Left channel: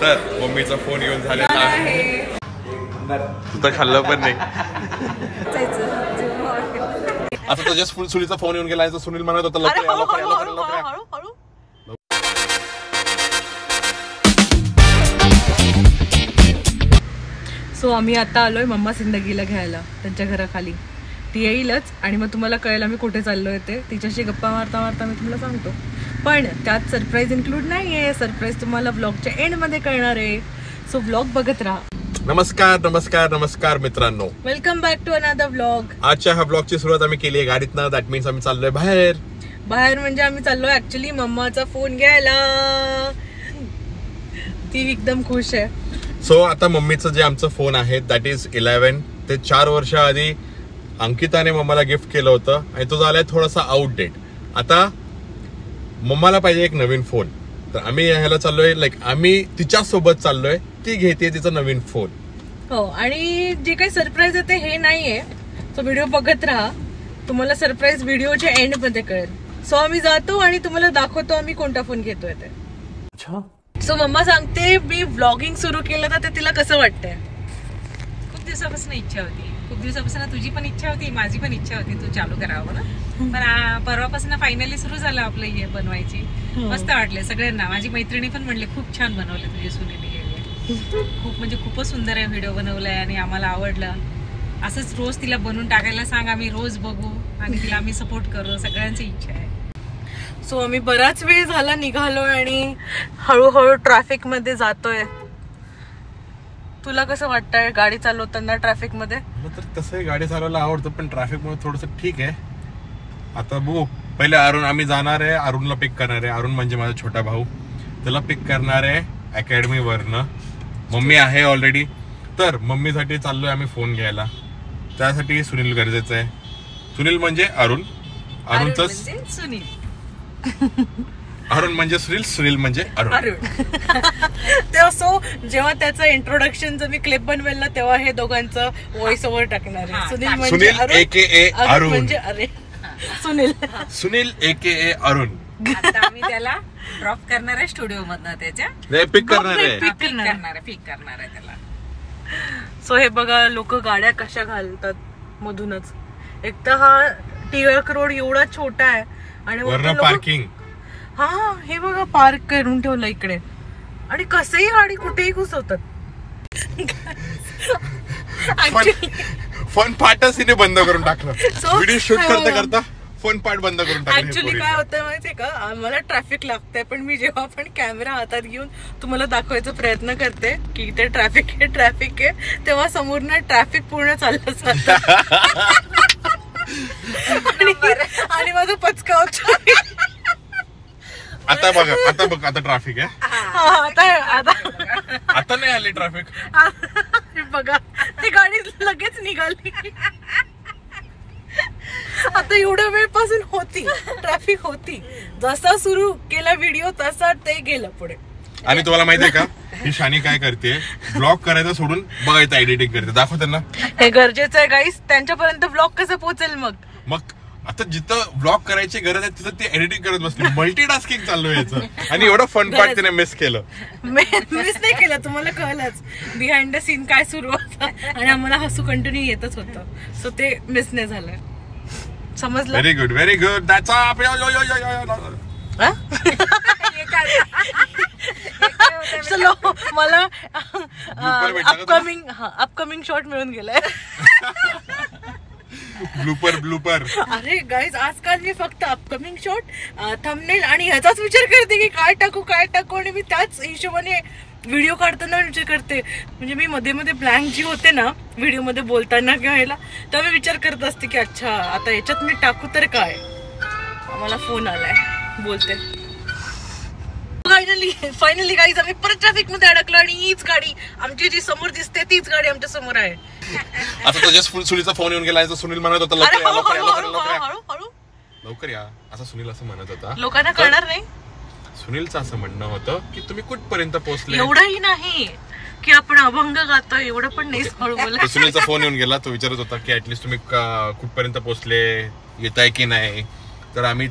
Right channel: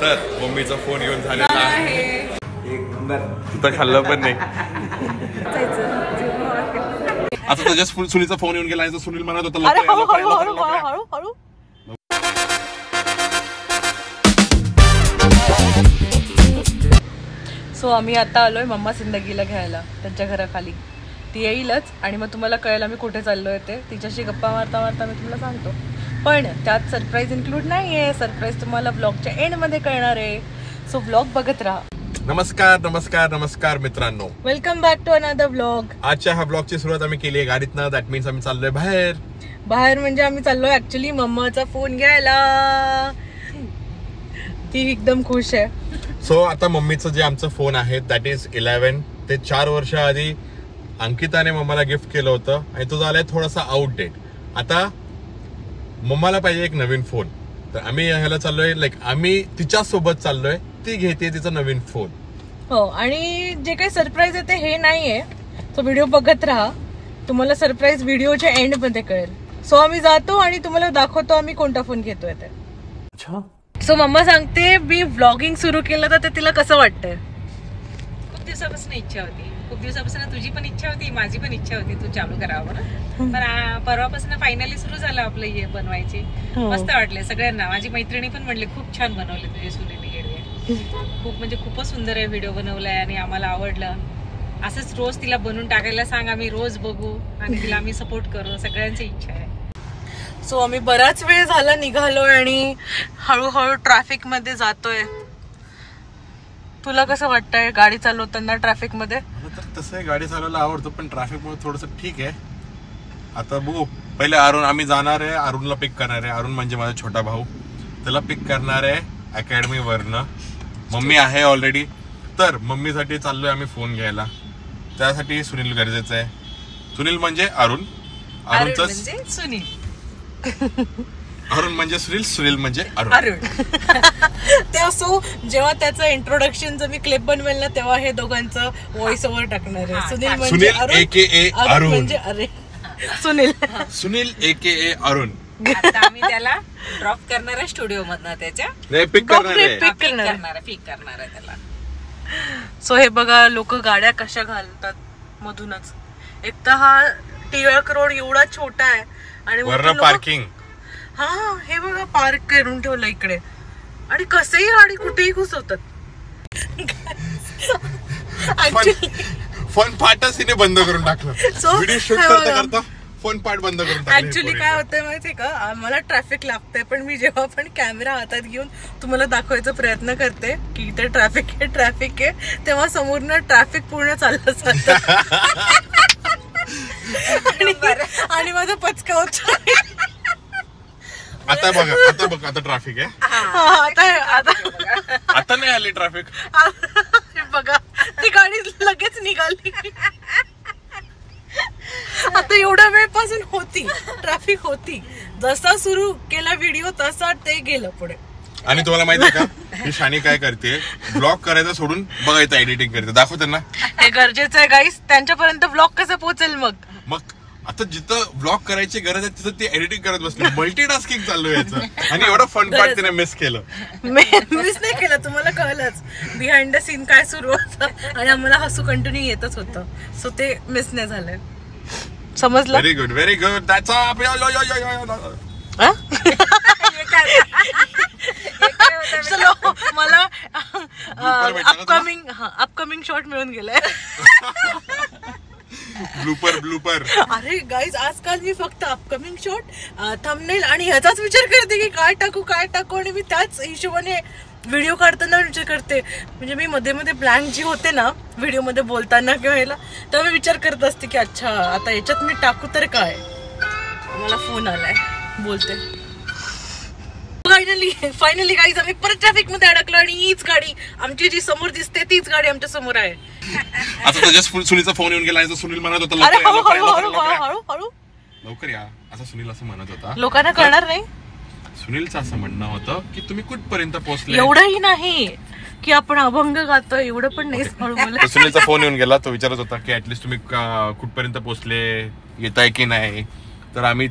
तर मम्मीचा फोन घेऊन झालेला आहे. तू तर खाल्लं पण नाही. आता तुझ्या सुनीलचा फोन येऊन गेला. सुनील म्हणत होता सो आम्ही आता आलोय मम्मा जिंदगीला घ्यायला त्यांच्या घराखाली. ती येईलच आणि मग तुम्हाला कळेल आम्ही कुठे चाललोय ते. तिच्याशी गप्पा मारता मारता मी तुम्हाला सांगतो. पण त्यात सरप्राईज इन्क्लूड नाहीये. सरप्राईज तुम्हाला ब्लॉगच्या एंड मध्ये कळणार आहे. सो ब्लॉग बघत राहा. नमस्कार नमस्कार नमस्कार मित्रांनो, welcome back to another blog. आजच्या ह्या ब्लॉगची सुरुवात आम्ही केली आहे गाडीतनं. दॅट मीन्स आम्ही चाललोय बाहेर. म्हणजे आम्ही चाललोय ऍक्च्युली मम्माचा फोन घ्यायला. ती एकदम खुश आहे. सो आता मम्मीचं जे आमचं फोन आहे दॅट इज 11. ते 4 वर्ष आधी अंकिताने मम्माला गिफ्ट केलं होतं आणि तो झालाय थोडासा आउटडेट. आता मम्माला पाहिजे एक नवीन फोन. तर आम्ही ह्याला चाललोय, आम्ही तिच्या सोबत चाललोय. ती घेते तिचा नवीन फोन. हो, आणि जे काही सरप्राईज आहे ते हे नाहीये. तो व्हिडिओ बघत राहा. तुम्हाला सरप्राईज व्हिडिओच्या एंड मध्ये कळेल. सो आम्ही जातो आणि तुम्हाला दाखवतो आम्ही कोणता फोन घेतोय ते. सो मम्मा सांगते मी व्लॉगिंग सुरू केलं तर ते तिला कसं वाटतंय. खूप दिवसापासून इच्छा होती. खूप दिवसापासून तुझी पण इच्छा होती, माझी पण इच्छा होती तू चालू करावं ना. पण परवापासून फायनली सुरू झालं आपलं हे बनवायची. मस्त वाटले सगळ्यांना. माझी मैत्रिणी पण म्हणली खूप छान बनवले तुझी सुनील हिरवे. खूप म्हणजे खूपच सुंदर आहे व्हिडिओ बनवलाय आणि आम्हाला आवडलं. असंच रोज तिला बनवून टाकायला सांग, आम्ही रोज बघू आणि तिला आम्ही सपोर्ट करू. सगळ्यांची इच्छा आहे. सो आम्ही बराच वेळ झाला निघालोय आणि हळूहळू ट्रॅफिक मध्ये जातोय. तुला कसं वाटतंय गाडी चालवताना ट्रॅफिक मध्ये? तर तसंही गाडी चालवायला आवडतं पण ट्रॅफिक मध्ये थोडस ठीक आहे. आता बघू. पहिले आम्ही जाणार आहे. अरुणला पिक करणार आहे. अरुण म्हणजे माझा छोटा भाऊ. त्याला पिक करणार आहे अकॅडमी वरनं. मम्मी आहे ऑलरेडी. तर मम्मीसाठी चाललोय आम्ही फोन घ्यायला. त्यासाठी सुनील गरजेचं आहे. सुनील म्हणजे अरुण, अरुणचं सुनील. अरुण म्हणजे सुनील, सुनील म्हणजे अरुण. तेव्हा सो जेव्हा त्याचं इंट्रोडक्शनचं मी क्लिप बनवेल ना तेव्हा हे दोघांचं व्हॉइस ओव्हर टाकणार आहे. सुनील म्हणजे अरुण, AKA अरुण म्हणजे अरे सुनील. सुनील AKA अरुण. आता आम्ही त्याला ड्रॉप करणार आहे स्टुडिओ मधनं. त्याच्या पिक करणार आहे त्याला. सो हे बघा लोक गाड्या कशा घालतात मधूनच. एक तर हा टिळक रोड एवढा छोटा आहे आणि पार्किंग. हा हे बघा पार्क करून ठेवलं इकडे आणि कसंही गाडी कुठेही घुसवतात. फन पार्टच हिने बंद करून टाकलं. व्हिडिओ शूट करता फोन पार्ट बंद करून टाकलं. ऍक्च्युली काय होतंय माहितीये का, आम्हाला ट्रॅफिक लागतंय पण मी जेव्हा पण कॅमेरा हातात घेऊन तुम्हाला दाखवायचा प्रयत्न करते की इथे ट्रॅफिक आहे तेव्हा समोरनं ट्रॅफिक पूर्ण चाललं जातं आणि माझं पचका होत. आता बघ आता ट्रॅफिक आहे. आता नाही आली ट्रॅफिक. बघा ती गाडी लगेच निघाली. आता एवढ्या वेळपासून होती ट्रॅफिक होती. जसा सुरू केला व्हिडिओ तसा ते गेलं पुढे. आणि तुम्हाला माहितीये का ही शानी काय करते, ब्लॉग करायचं सोडून बघायचं एडिटिंग करते. दाखव त्यांना. हे गरजेचं आहे गाईस. त्यांच्यापर्यंत ब्लॉग कसं पोहोचेल मग आता जिथं ब्लॉग करायची गरज आहे तिथं ते एडिटिंग करत बसले. मल्टीटास्किंग चालू आहे याचं. आणि एवढं फन पार्ट तिने मिस केलं. मिस नाही केलं. तुम्हाला कळलंच बिहाइंड द सीन काय सुरू होतं आणि आम्हाला हसू कंटिन्यू येतच होतं. सो ते मिस नाही झालंय. समजलं? Very good. That's up. चलो मला अपकमिंग शॉट मिळून गेलाय. ब्लूपर. अरे गाईज आजकाल मी फक्त अपकमिंग शॉट, थंबनेल आणि ह्याचाच विचार करते की काय टाकू आणि मी त्याच हिशोबाने व्हिडिओ काढताना विचार करते. म्हणजे मी मध्ये ब्लँक जी होते ना व्हिडिओ मध्ये बोलताना किंवा ह्याला तेव्हा मी विचार करत असते की अच्छा आता याच्यात मी टाकू तर काय. आम्हाला फोन आलाय बोलते. फायनली गाईज आम्ही परत ट्रॅफिक मध्ये अडकलो आणि हीच गाडी आमची जी समोर दिसते तीच गाडी आमच्या समोर आहे. आता तुझ्या सुनीलचा फोन येऊन गेला. सुनील म्हणत होता लवकर या. असं सुनील असं म्हणत होता. लोकांना कळणार नाही. सुनीलचं असं म्हणणं होतं की तुम्ही कुठपर्यंत पोहोचले. एवढंही नाही की आपण अभंग गातोय एवढं पण नाही. हळू बोला. सुनीलचा फोन येऊन गेला. तो विचारत होता की ऍटलीस्ट तुम्ही कुठपर्यंत पोहोचले, येताय की नाही. तर मी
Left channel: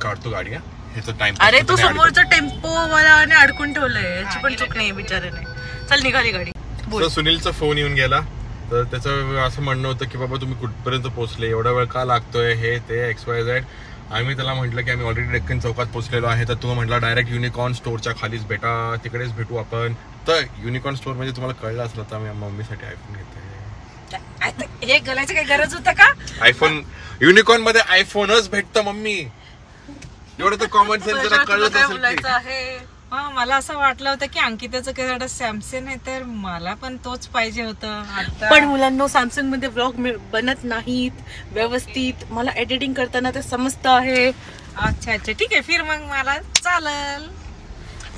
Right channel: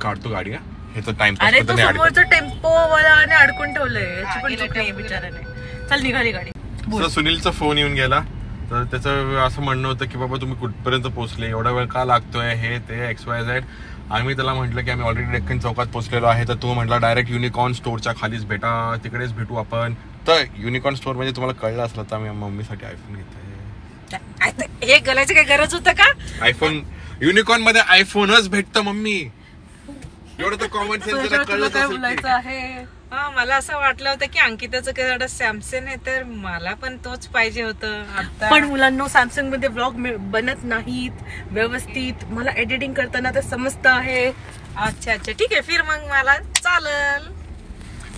काढतो गाडी. ह्याचं टाइम. अरे तो समोरचा टेम्पो वाल्याने अडकून ठेवलंय, याची पण चूक नाही बिचाराने. चल निघाली गाडी. तर सुनीलचा फोन येऊन गेला, तर त्याचं असं म्हणणं होतं की बाबा तुम्ही कुठपर्यंत पोहोचले, एवढा वेळ का लागतोय, हे ते XYZ. आम्ही त्याला म्हटलं की आम्ही ऑलरेडी डेक्कन चौकात पोहोचलेलो आहे. तर तो म्हटला डायरेक्ट युनिकॉर्न स्टोअरच्या खालीच भेटा, तिकडेच भेटू आपण. तर युनिकॉर्न स्टोअर म्हणजे तुम्हाला कळलं असलं तर आम्ही मम्मीसाठी आयफोन घेतोय. हे घालायची काय गरज होतं का? आयफोन युनिकॉर्न मध्ये आयफोनच भेटतं मम्मी. एवढं तर कॉमन सेन्स कळलं आहे. हा, मला असं वाटलं होतं की अंकिताचं काय सॅमसंग आहे, तर मला पण तोच पाहिजे होतं. पण मुलांनो, सॅमसंग मध्ये ब्लॉग बनत नाहीत व्यवस्थित. मला एडिटिंग करताना ते समजतं आहे. अच्छा अच्छा, ठीक आहे, फिर मग मला चालेल.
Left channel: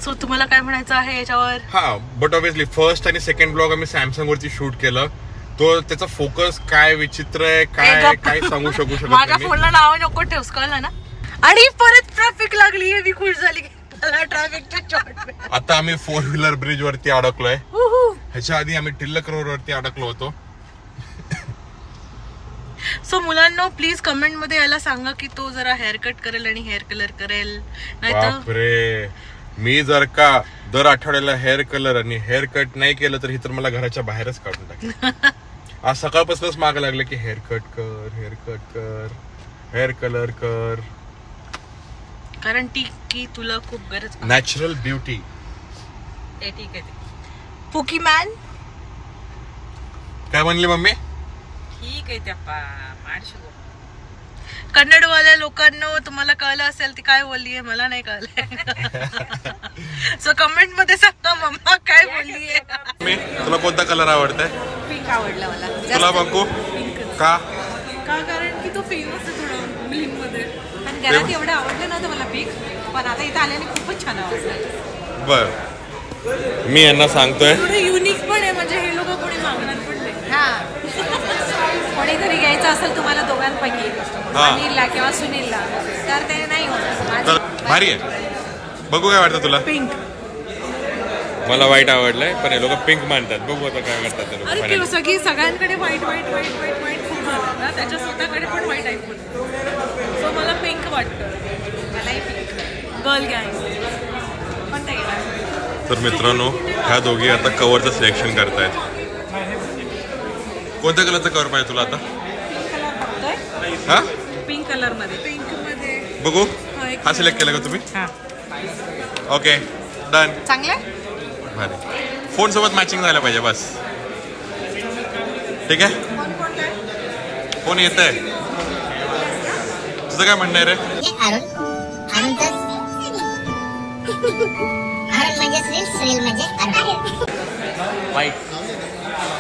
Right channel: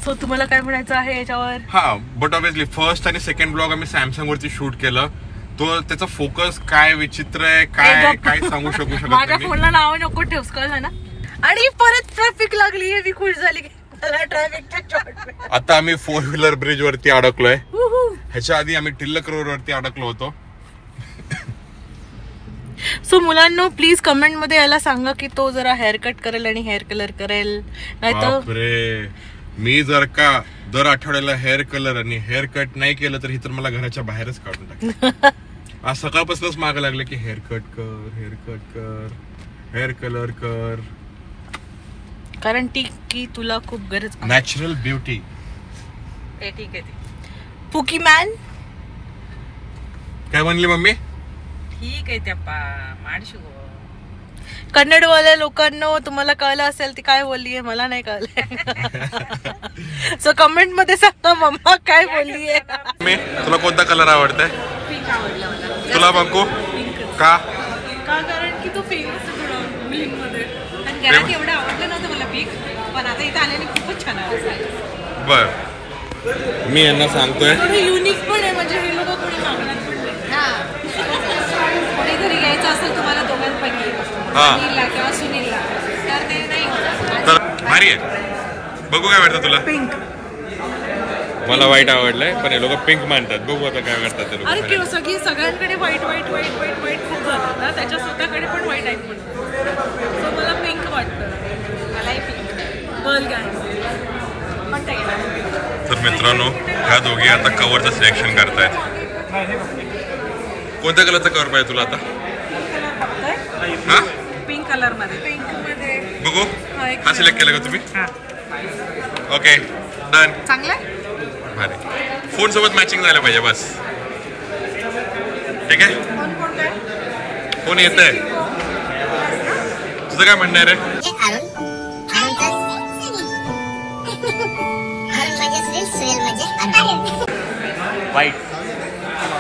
सो तुम्हाला काय म्हणायचं आहे याच्यावर? हा, बट ऑब्विसली फर्स्ट आणि सेकंड ब्लॉग आम्ही सॅमसंग वरती शूट केलं. तो त्याचा फोकस काय विचित्र आहे, काय काय सांगू शकू शकत. माझ्या फोनला नाव नको ठेवस, कळलं ना. आणि परत ट्रॅफिक लागली, मी खुश झाली की मला ट्रॅफिकच्या शॉर्ट. आता आम्ही 4 व्हीलर ब्रिज वरती अडकलोय. ह्याच्या आधी आम्ही टिल्लक रोड वरती अडकलो होतो. सो मुलांनो, प्लीज कमेंट मध्ये याला सांगा की तो जरा हेअर कट करेल आणि हेअर कलर करेल. बापरे, मी जर का दर आठवड्याला हेअर कलर आणि हेअर कट नाही केलं तर ही तर मला घराच्या बाहेरच काढून टाकलं. आज सकाळपासूनच माग लागलं की हेअर कट कर, हेअर कट कर, हेअर कलर कर. कारण ती की तुला खूप गरज. Natural beauty. ते ठीक आहे. पुकी मॅन काय म्हणली मम्मी? ठीक आहे त्या माडशो. कन्नडवाल्या लोकांना तुम्हाला कळलं असेल ती काय बोललीये, मला नाही कळलंय. सो कमेंट मध्ये सांगा मम्मा काय बोललीये. तुला कोणता कलर आवडतंय? पिंक आवडला मला. तुला बंकू? का? कारण की तो फेमस आहे थोडा मुलींमध्ये. पण घरात एवढं आवडलं नव्हतं मला पिंक, पण आता इथं आल्याने खूपच छान आवडलं. बर, मी यांना सांगतोय युनिक पण आहे, म्हणजे हे लोक कोणी मागणार पण नाही. हा, कोणी जरी घ्यायचं असेल तुम्हाला दोघांपैकी, अनिलला किंवा सुनीलला, तर ते नाही होणार. तर भारी आहे. बघू काय वाटतं तुला? पिंक. मला व्हाईट आवडलंय, पण हे लोक पिंक मानतात. बघू आता काय करतात ते लोक. सगळ्यांकडे white white white white white खूप झालं ना, त्याच्या स्वतःकडे पण व्हाईट आहे. पण सो मला पिंक वाटतं. मलाही पिंक. गर्ल गँग कोणता गेला? तर मित्रांनो, ह्या दोघी आता कव्हरचं सिलेक्शन करतायत. कोणत्या कलरचा कव्हर पाहिजे तुला आता? हा, पिंक कलर मध्ये. पिंक मध्ये बघू. हा सिलेक्ट केला का तुम्ही? Okay, done. चांगलं. भारी. फोन सोबत मॅचिंग झालं पाहिजे बस. ठीक आहे, फोन येत आहे. तुझं काय म्हणणं आहे रे? वाईट.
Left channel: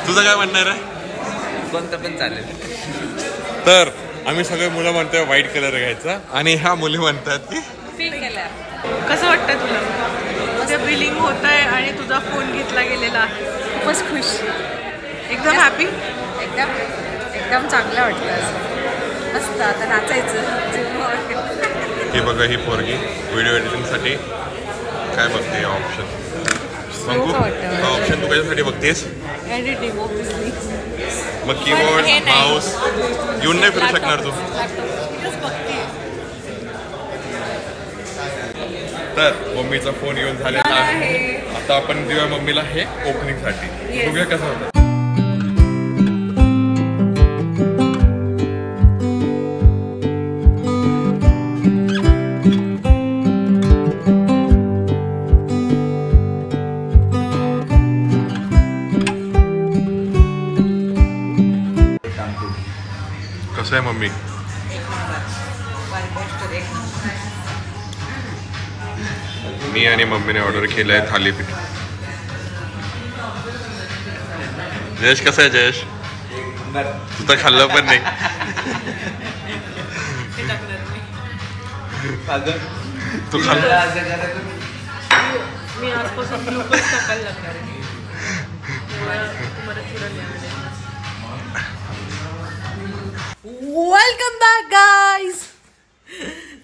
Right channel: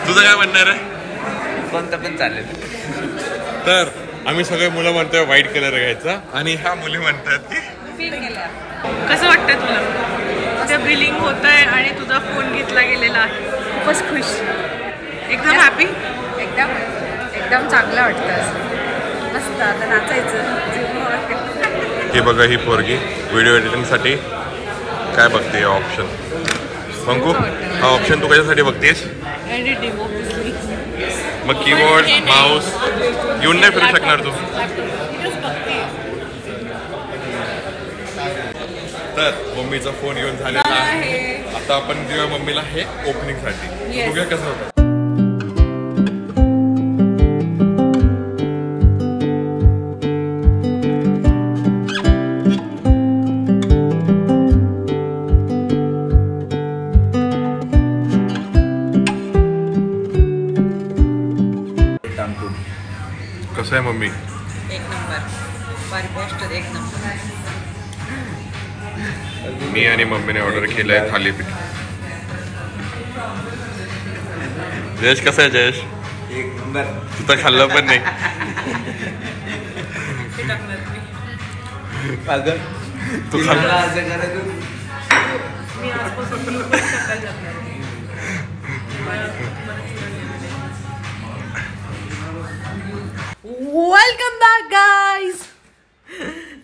तुझं काय म्हणणं आहे रे? कोणतं पण चालेल. तर आम्ही सगळे मुलं म्हणतोय व्हाईट कलर घ्यायचा, आणि ह्या मुली म्हणतात की पिंक कलर. कसं वाटतंय तुला? उद्या बिलिंग होत आहे आणि तुझा फोन घेतला गेलेला आहे. खूपच खुश, एकदम हॅपी. एकदम एकदम चांगलं वाटतं असं. मस्त. आता नाचायचं. हे बघा, ही पोरगी व्हिडिओ एडिटिंगसाठी काय बघते ऑप्शन. बंकू, हा ऑप्शन तू कशासाठी बघतेस? Editing obviously. मग कीबोर्ड, माऊस घेऊन नाही फिरू शकणार तू. तर मम्मीचा फोन घेऊन झालेला आहे. आता आपण देऊया मम्मीला हे ओपनिंग साठी. बघूया कसं होतं. कसं आहे मम्मी? एक नंबर. बेस्ट. एक नंबर. मी आणि मम्मीने ऑर्डर केलंय थालीपीठ. जयेश कसं आहे? जयेश, तू तर खाल्लं पण नाही. तू खाल्लं? Welcome back guys.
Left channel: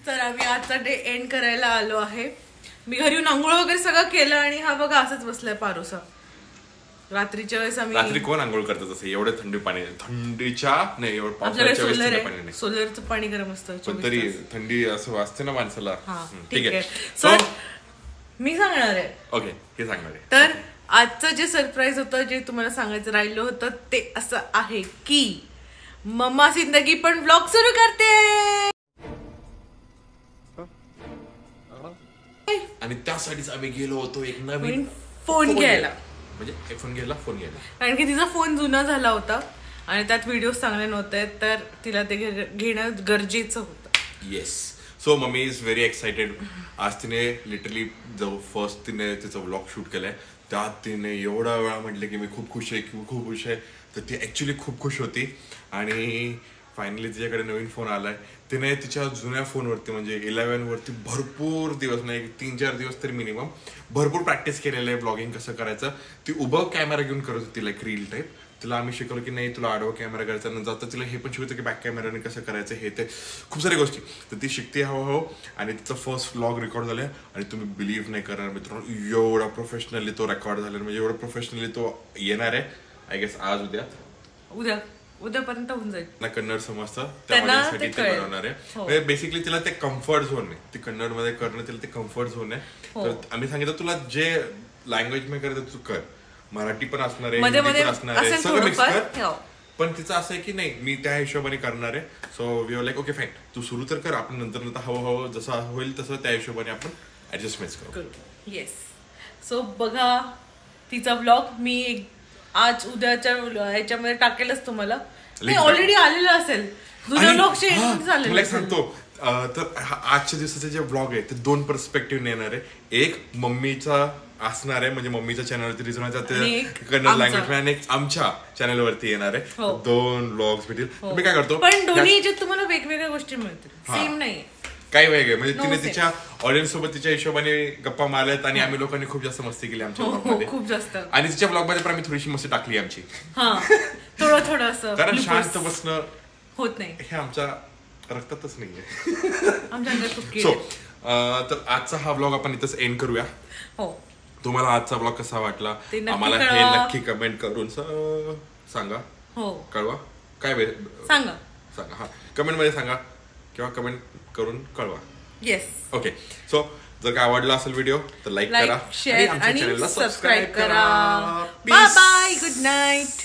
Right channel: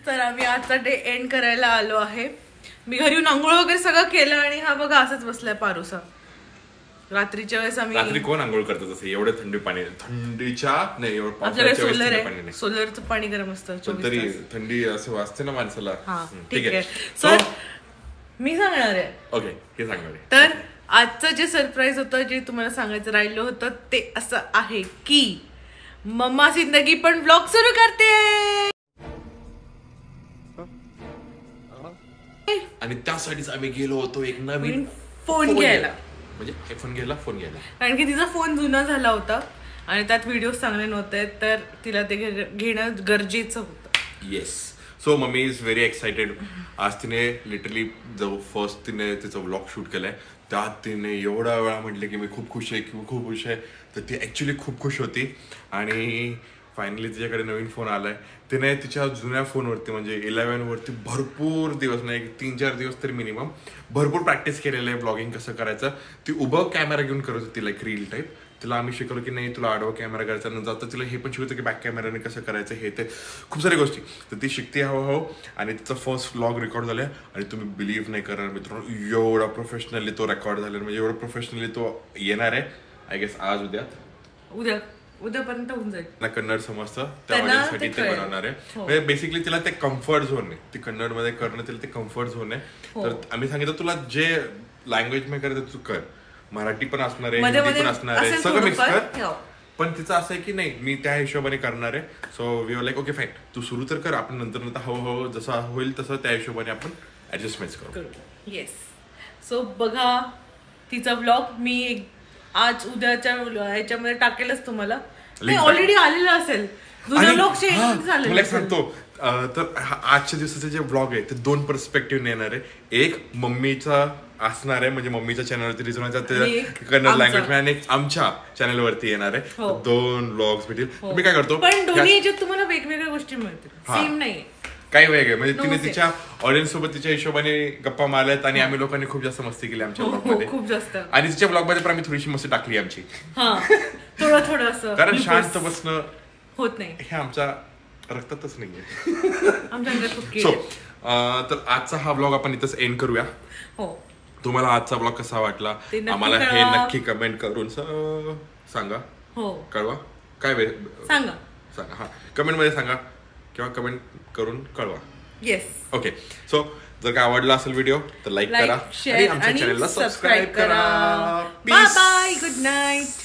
तर आम्ही आजचा डे एंड करायला आलो आहे. मी घरी येऊन आंघोळ वगैरे सगळं केलं आणि हा बघा असंच बसलाय पारूसा. रात्रीच्या वेळेस आम्ही रात्री कोण आंघोळ करतात असं एवढं थंडी पाणी थंडीच्या नाही एवढं आपल्याकडे पावसाळ्याच्या वेळेस सोलर थंड पाणी आहे, नाही सोलरचं पाणी गरम असतं पण 24 तरी तास. थंडी असं वाजते ना माणसाला हा ठीक आहे. सर So, मी सांगणार आहे. ओके हे सांगणार आहे. तर आजचं जे सरप्राईज होतं जे तुम्हाला सांगायचं राहिलं होतं ते असं आहे की मम्मा जिंदगी पण ब्लॉग सुरू करते. आणि त्यासाठीच आम्ही गेलो होतो एक नवीन फोन घ्यायला, म्हणजे फोन घ्यायला कारण की तिचा फोन जुना झाला होता आणि त्यात व्हिडिओ चांगले नव्हते, तर तिला ते घेणं गरजेचं होतं. Yes. So mummy is very excited. आज तिने लिटरली जो फर्स्ट तिने तिचा व्लॉग शूट केलाय त्यात तिने एवढा वेळा म्हटलं की मी खूप खुश आहे खूप खुश आहे, तर ती ऍक्च्युली खूप खुश होती. आणि फायनली तिच्याकडे नवीन फोन आलाय. तिने तिच्या जुन्या फोनवरती म्हणजे 11 वरती भरपूर दिवस नाही 3-4 दिवस तरी मिनिमम भरपूर प्रॅक्टिस केलेलं आहे ब्लॉगिंग कसं करायचं. ती उभं कॅमेरा घेऊन करत होती लाईक रील टाईप. तिला आम्ही शिकवलं की नाही तुला आडवा कॅमेरा करायचा नंतर आता तिला हे पण शिकवतं की बॅक कॅमेराने कसं करायचं हे ते खूप साऱ्या गोष्टी. तर ती शिकते हळूहळू आणि तिचा फर्स्ट व्लॉग रेकॉर्ड झालाय आणि तुम्ही बिलीव्ह नाही करणार मित्रांनो एवढा प्रोफेशनली तो रेकॉर्ड झाला म्हणजे एवढा प्रोफेशनली तो येणार आहे आय गेस आज उद्यापर्यंत होऊन जाईल ना. कन्नड समजतं त्या ऑडियन्ससाठी ते बनवणार आहे. म्हणजे बेसिकली तिला ते कम्फर्ट झोन आहे, ती कन्नड मध्ये करणं तिला ते कम्फर्ट झोन आहे. तर आम्ही सांगितलं तुला जे लँग्वेज मध्ये करायचं तू कर, मराठी पण असणार आहे हिंदी पण असणार आहे सगळं मिक्स कर. पण तिचं असं आहे की नाही मी त्या हिशोबाने करणार आहे. So we are like okay fine तू सुरू तर कर, आपण नंतर हळूहळू जसं होईल तसं त्या हिशोबाने आपण ऍडजस्टमेंट करू. येस. सो बघा तिचा व्लॉग मी आज उद्याच्या ह्याच्यामध्ये टाकेलच तुम्हाला, ऑलरेडी आलेलं असेल जुना व्लॉग तुला एक सांगतो. तर आजच्या दिवसाचे जे व्लॉग आहे ते 2 पर्स्पेक्टिव्ह येणार आहे. एक मम्मीचा असणार आहे म्हणजे मम्मीच्या चॅनलवरती रिझोनाच्या कन्नड लँग्वेज आणि एक आमच्या चॅनलवरती येणार आहे. 2 व्लॉग्स भेटतील. मी काय करतो पण दोन्ही याच्यात तुम्हाला वेगवेगळ्या गोष्टी मिळतील, सेम नाहीये काही वेगळे. म्हणजे तिने तिच्या ऑडियन्स सोबत तिच्या हिशोबाने गप्पा मारल्यात आणि आम्ही लोकांनी खूप जास्त मस्ती केली आमच्या ब्लॉग मध्ये खूप जास्त. आणि तिच्या ब्लॉग मध्ये पण आम्ही थोडीशी मस्ती टाकली आमची थोडं असं कारण शांत बसणं होत नाही हे आमच्या रक्तातच नाहीये. सो तर आजचा हा ब्लॉग आपण इथंच एंड करूया. तुम्हाला आजचा ब्लॉग कसा वाटला आम्हाला हे नक्की कमेंट करून सांगा. कळवा काय सांगा हा कमेंट मध्ये सांगा किंवा कमेंट करून कळवा. येस. ओके. सो जर का आवडला असेल व्हिडिओ तर लाईक करा आणि आमच्या चॅनलला सबस्क्राईब करा. Bye bye. Good night.